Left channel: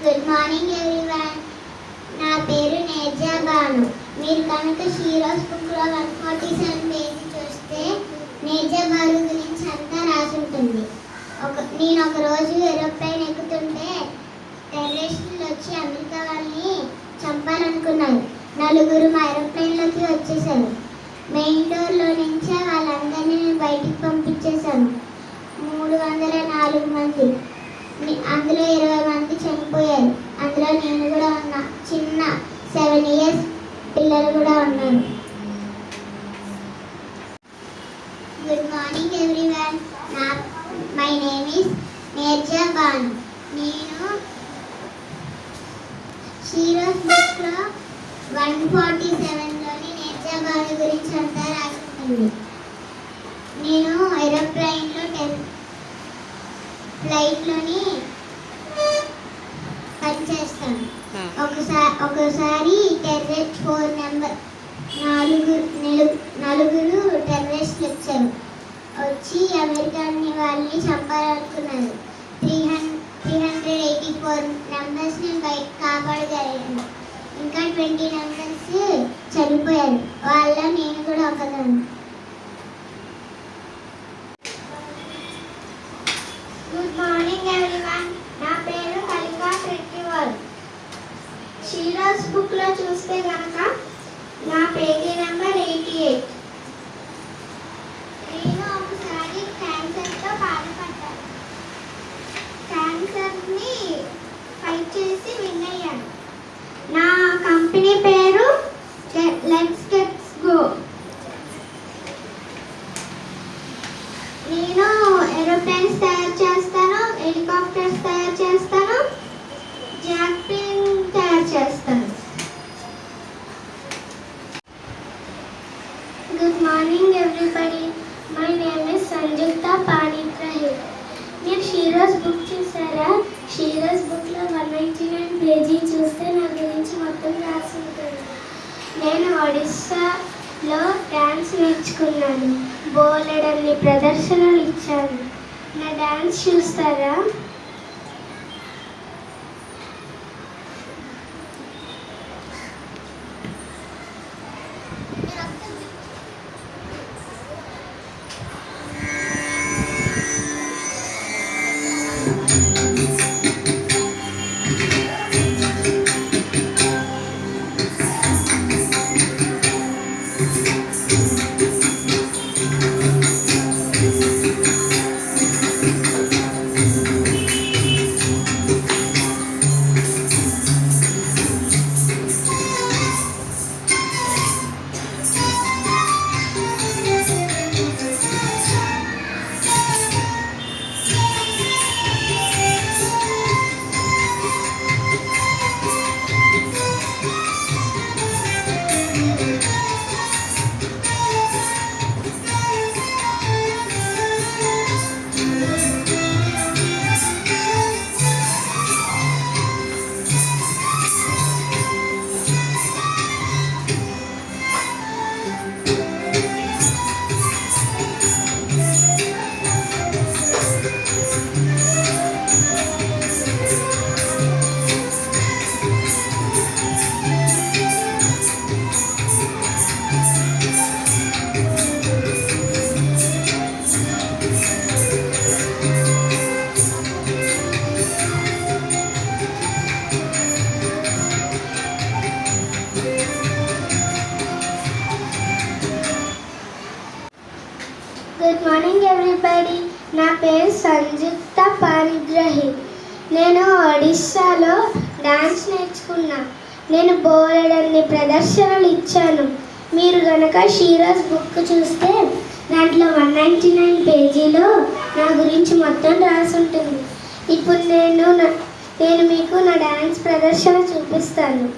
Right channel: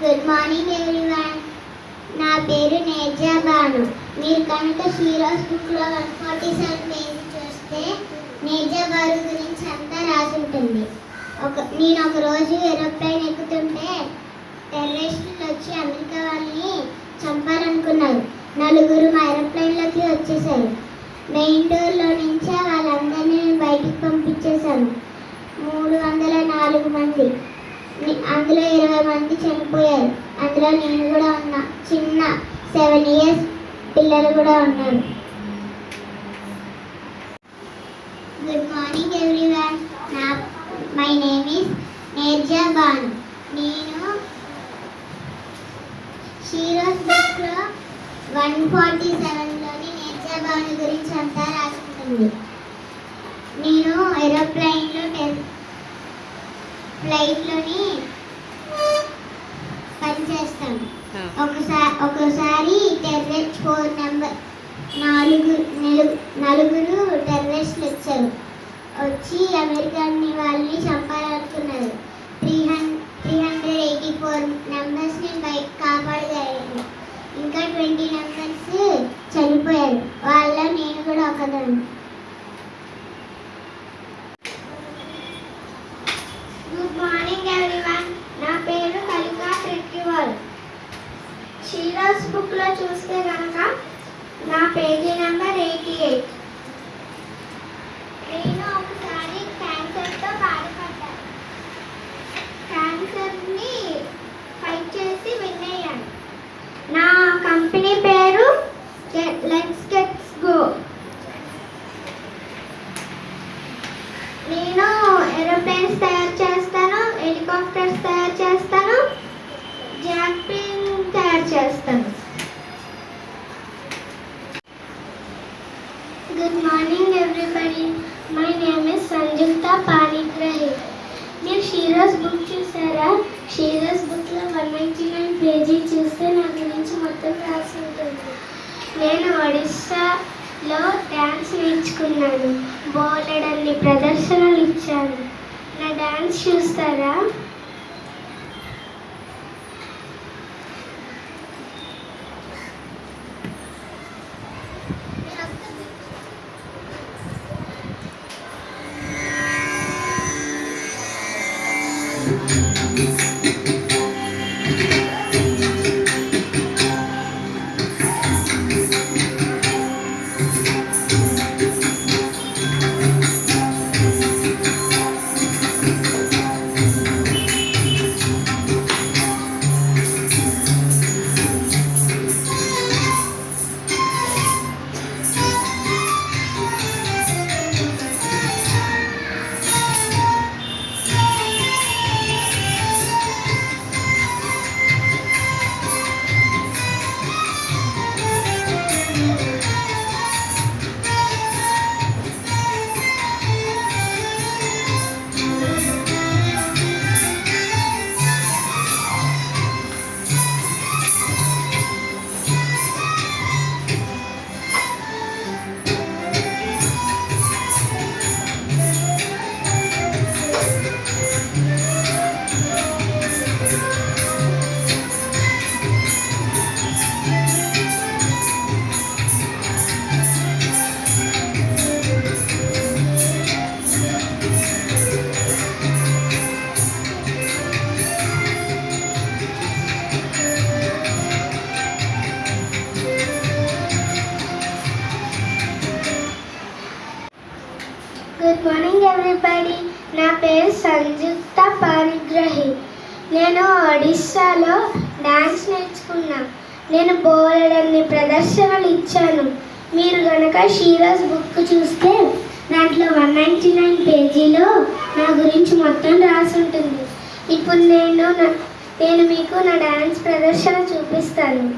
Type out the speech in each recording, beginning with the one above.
Good morning everyone. నా పేరు నేజా బాను. మీరు కనుక హీరోస్ బుక్లో 147 పేజీ చూస్తే నేజా బాను గురించి అంతా రాసి ఉంటుంది. నేను ఒక రోజు ఏరోప్లేన్ ఎక్కుతుంటే టెర్రరిస్టులు వచ్చి అమెరికా వాళ్ళని చంపాలనుకున్నారు. 4 మా ఏరోప్లేన్లోకి వచ్చేసారు. మెయిన్ డోర్లో నుంచే వాళ్ళందరినీ నేను బయటికి పంపించేశాను. 304 మంది, అందులో 20 మంది చనిపోయారు. అందులో నేను కూడా ఉన్నా. చిన్న 7 years పిల్లలు కూడా ఉన్నారు. Good morning everyone. My name is Neerja Banu. నేను హీరోస్ బుక్లో 147లోని నేర్జా బాను గురించి అంతా రాసింది. నేను ఏరోప్లైన్లో ఫ్లైట్లోని పనిచేస్తాను. ఒకసారి టెర్రరిస్ట్ 4 నెంబర్ 4 టెర్రరిస్టులు వచ్చారు. వచ్చి అమెరికాని వాళ్ళని చంపాలనుకున్నారు. 384 మెంబర్స్ని బయట కాపాడగలిగాను. ఇంకా 20 మెంబర్స్ చనిపోయారు. వాళ్ళ నేను కూడా ఒకదాన్ని. Good morning everyone. నా పేరు కలికా ట్రెక్కివల్. హీరోస్ బుక్లో చూస్తే కనుక నా పేజీ నెంబర్ 88. నేను ఒకసారి క్యాన్సర్తో బాధపడ్డాను. క్యాన్సర్ని ఫైట్ చేసి విన్ అయ్యాను. నా కంపెనీ పేరు లెట్స్ గెట్స్ గో. నేను ఏరోప్లేన్స్ తయారు చేస్తాను, హెలికాప్టర్స్ తయారు చేస్తాను, జాట్ ప్లేన్ తయారు చేస్తాను. Good morning everybody. My name is Samyukta Panigrahi. మీరు హీరోస్ బుక్ చూసారా? హీరోస్ బుక్లో 199 పేజీ చూస్తే నా గురించి మొత్తం రాసి ఉంటుంది. నేను ఒడిస్సాలో డ్యాన్స్ నేర్చుకున్నాను. బోలెడన్ని ప్రదర్శనలు ఇచ్చాను. నా డ్యాన్స్ చూస్తారా? Good morning everybody. నా పేరు సంయుక్త పాణిగ్రాహి. నేను ఒడిస్సాలో డాన్స్ నేర్చుకున్నా. నేను బోలెడన్ని ప్రదర్శనలు ఇచ్చాను. మీరు కనుక హీరోస్ బుక్ చూస్తే దాంట్లో 199 పేజీలో నా గురించి మొత్తం రాసి ఉంటుంది. ఇప్పుడు నేను మీకు నా డాన్స్ ప్రదర్శన చూపిస్తాను.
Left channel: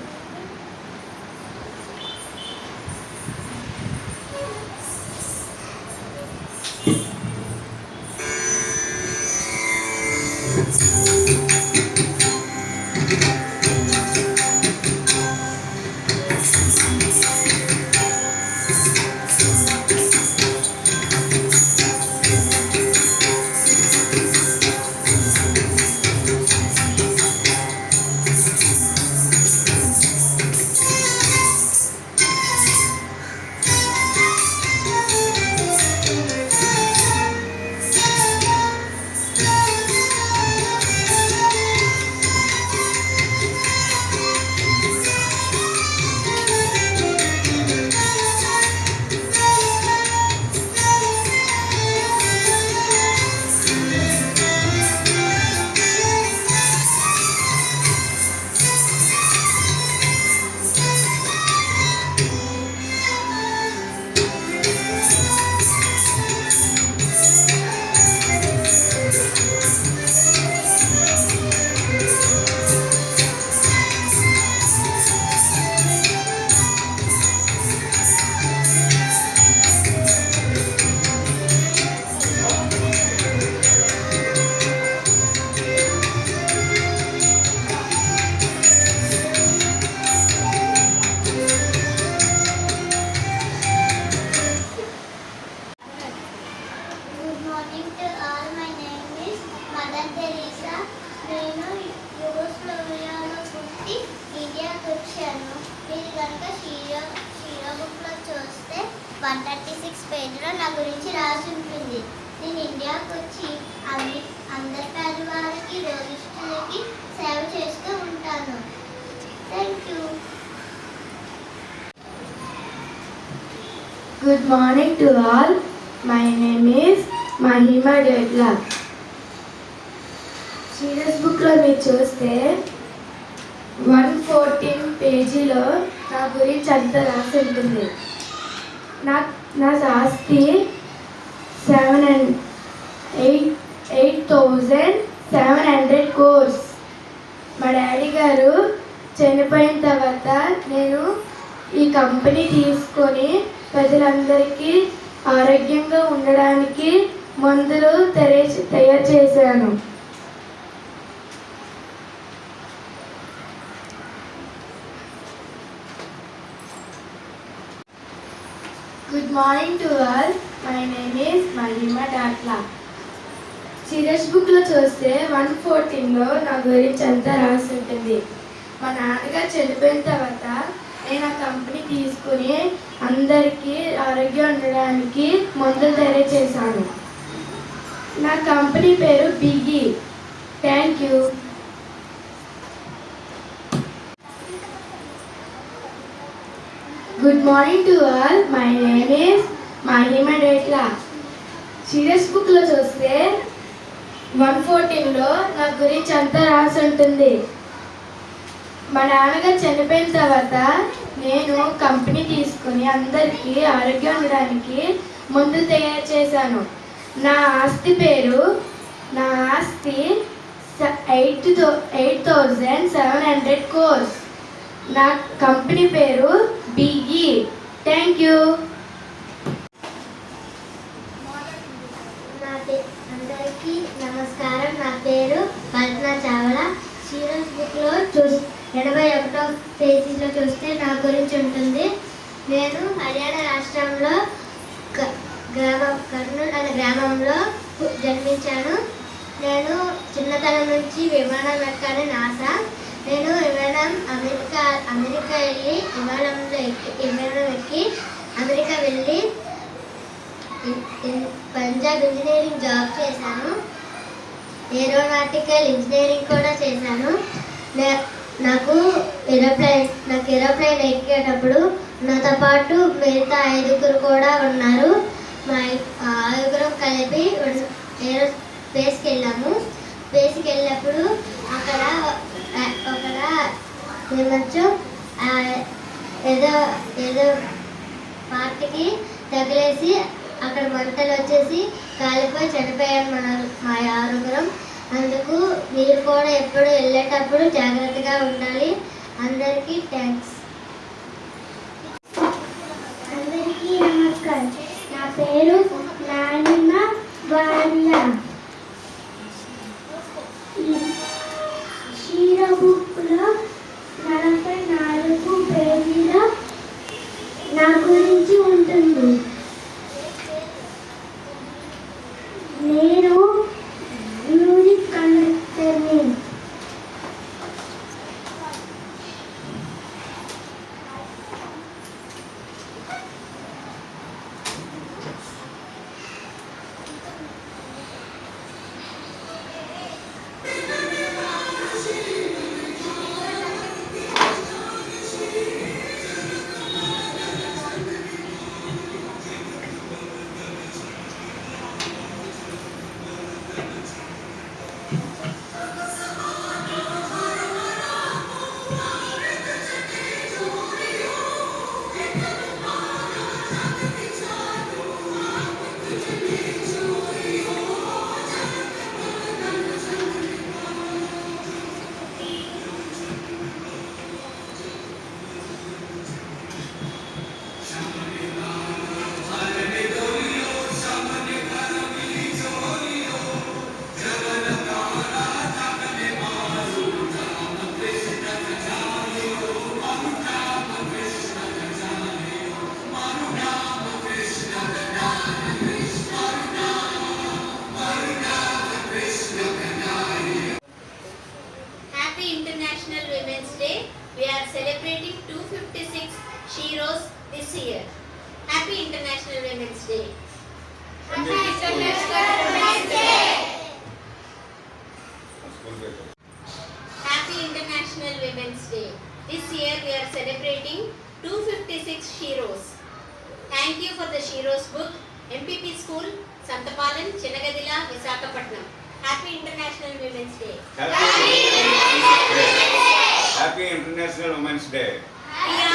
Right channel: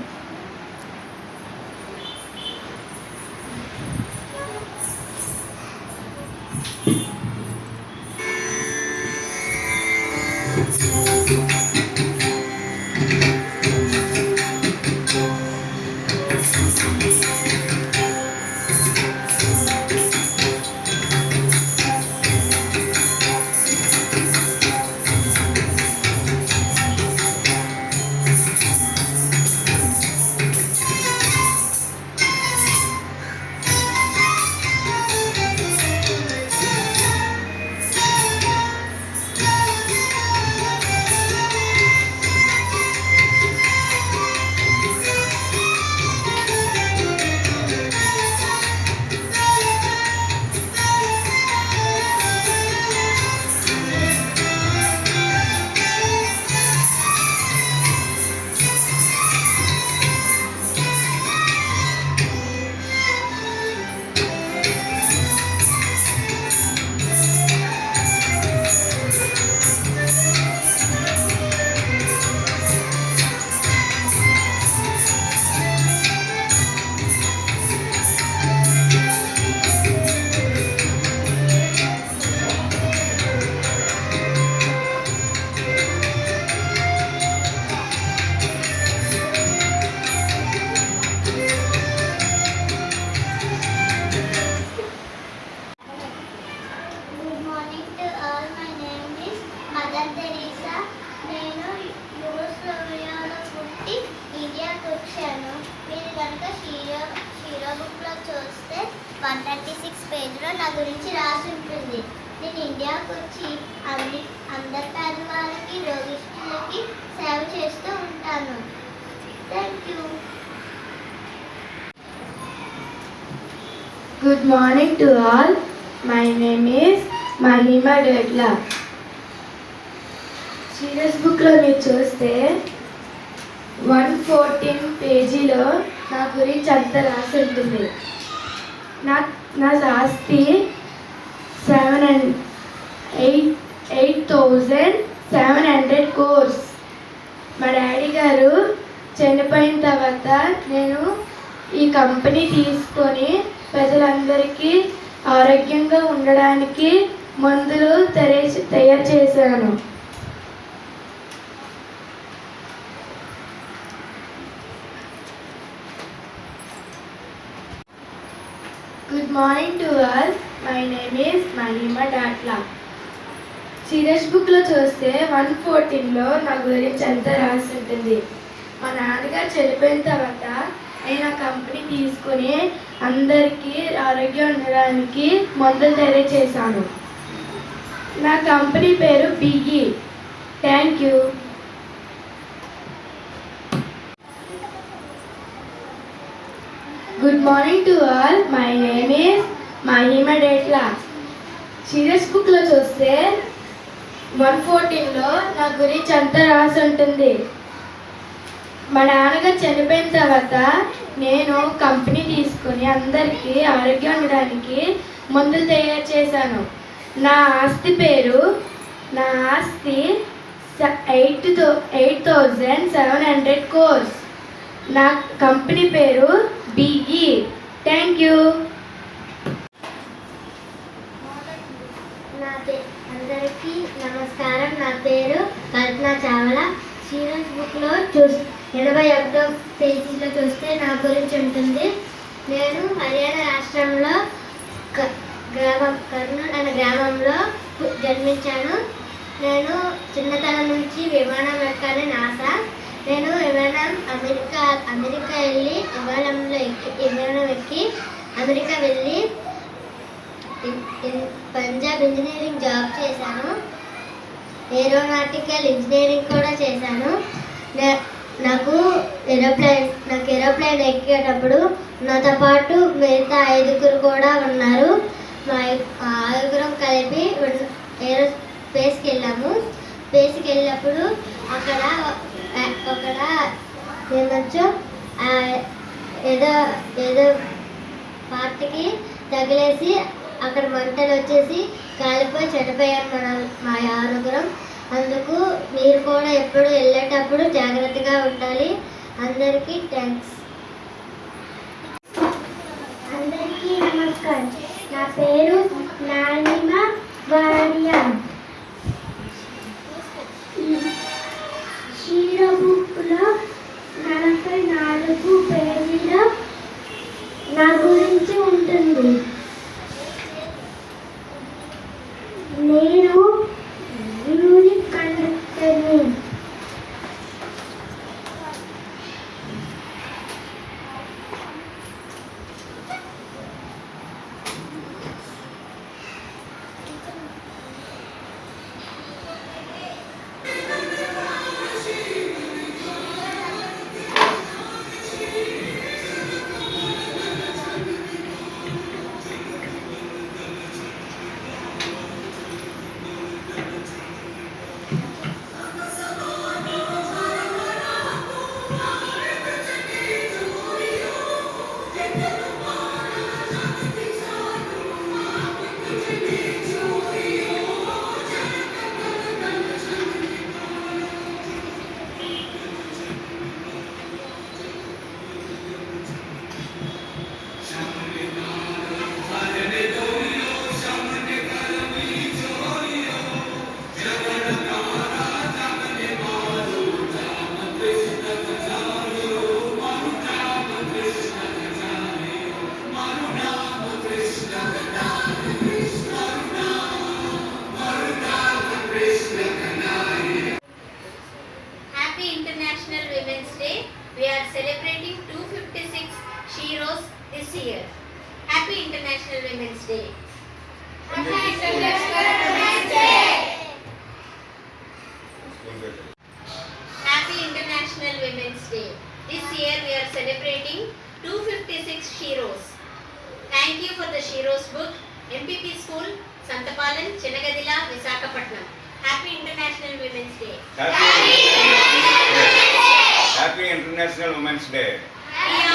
146 పేజీలో నా గురించి రాసి ఉంటుంది. నేను ఇండియాకు వచ్చి అందరి పేదవారికి రోగిష్ఠులకి సేవ చేస్తూ ఉంటాను. Thank you. Good morning to all. My name is Mahima Degla. Serious బుక్లో మీరు చూస్తే 114 పేజీలో నా గురించి అంతా రాసి ఉంటుంది. నా ఆస్తి 8,700 crores. మా డాడీ గారు చనిపోయిన తర్వాత నేను ఈ కంపెనీ తీసుకొని ప్రజలందరికీ ఆరోగ్యంగా ఉండడానికి మందులు తయారు చేశాను. Good morning to all. My name is Mahima Datla. Serious బుక్లో చూస్తే 114లో నా గురించి అంతా రాసి ఉంటుంది. మా నాన్నగారు చనిపోయిన తర్వాత నేను ఆ కంపెనీ తీసుకుని అందరికీ ఆరోగ్యం ఉండడానికి మందులు తయారు చేశాను. నా కంపెనీ పేరు బిగి. Thank you. Good morning to all. My name is Mahima Datla. Serious బుక్లో చూస్తే 114లో నా గురించి అంతా రాసి ఉంటుంది. మా నాన్నగారు చనిపోయిన తర్వాత నేను కంపెనీ తీసుకుని అందరికీ ఆరోగ్యం ఉండడానికి మందులు తయారు చేశాను. నా ఆస్తి 8,700 crores. నా కంపెనీ పేరు బిగి. Thank you. అందరికీ నమస్కారం. నా పేరు కల్పన చావ్లా. సీరియస్ బుక్లో 81వ పేజీలో చూస్తే నా గురించి ఉంటుంది. నేను హర్యానా రాష్ట్రంలో కర్నూలు అనే గ్రామంలో జన్మించాను. నేను చిన్నతనం నుంచి విమానం ఎక్కాలని ఆశ. నేను అమెరికా వెళ్ళి విమానం ఎక్కి అమెరికా వెళ్ళి పంజాబ్ ఇంజనీరింగ్ జాబ్ చేశాను. ఏరోనాటికల్ ఇంజనీరింగ్ కూడా చేశాను. నాకు ఏరోప్లేన్ ఎక్కేటప్పుడు నాతో పాటు మిగతా 5 కూడా ఉన్నారు. మా 5 కలిపి స్పేస్కి వెళ్ళాము. స్పేస్కి వెళ్ళినప్పుడు అక్కడ ఏమొచ్చు ఏదో పార్టీకి తగిలేసి అక్కడ మంటలు వచ్చేసి కాలిపోయి చనిపోయారు మా 6. అందుకు మీరు కూడా ఎప్పుడు వెళ్ళేటప్పుడు జాగ్రత్తగా ఉండాలి. అందరికీ థ్యాంక్స్. అందరికీ నమస్కారం. నా పేరు నానిమా వారియా. షీరా బుక్లో 44 పేజీలో నా గురించి ఉంటుంది. నేను మ్యూజిక్ కండక్టర్ని. Day. Happy International Women's Day. This year we are celebrating 256 heroes. Thank you for the Heroes book, MPP School, Santapalan, Chennagadila, Visakhapatnam. Happy International Women's Day. Happy International Women's Day. We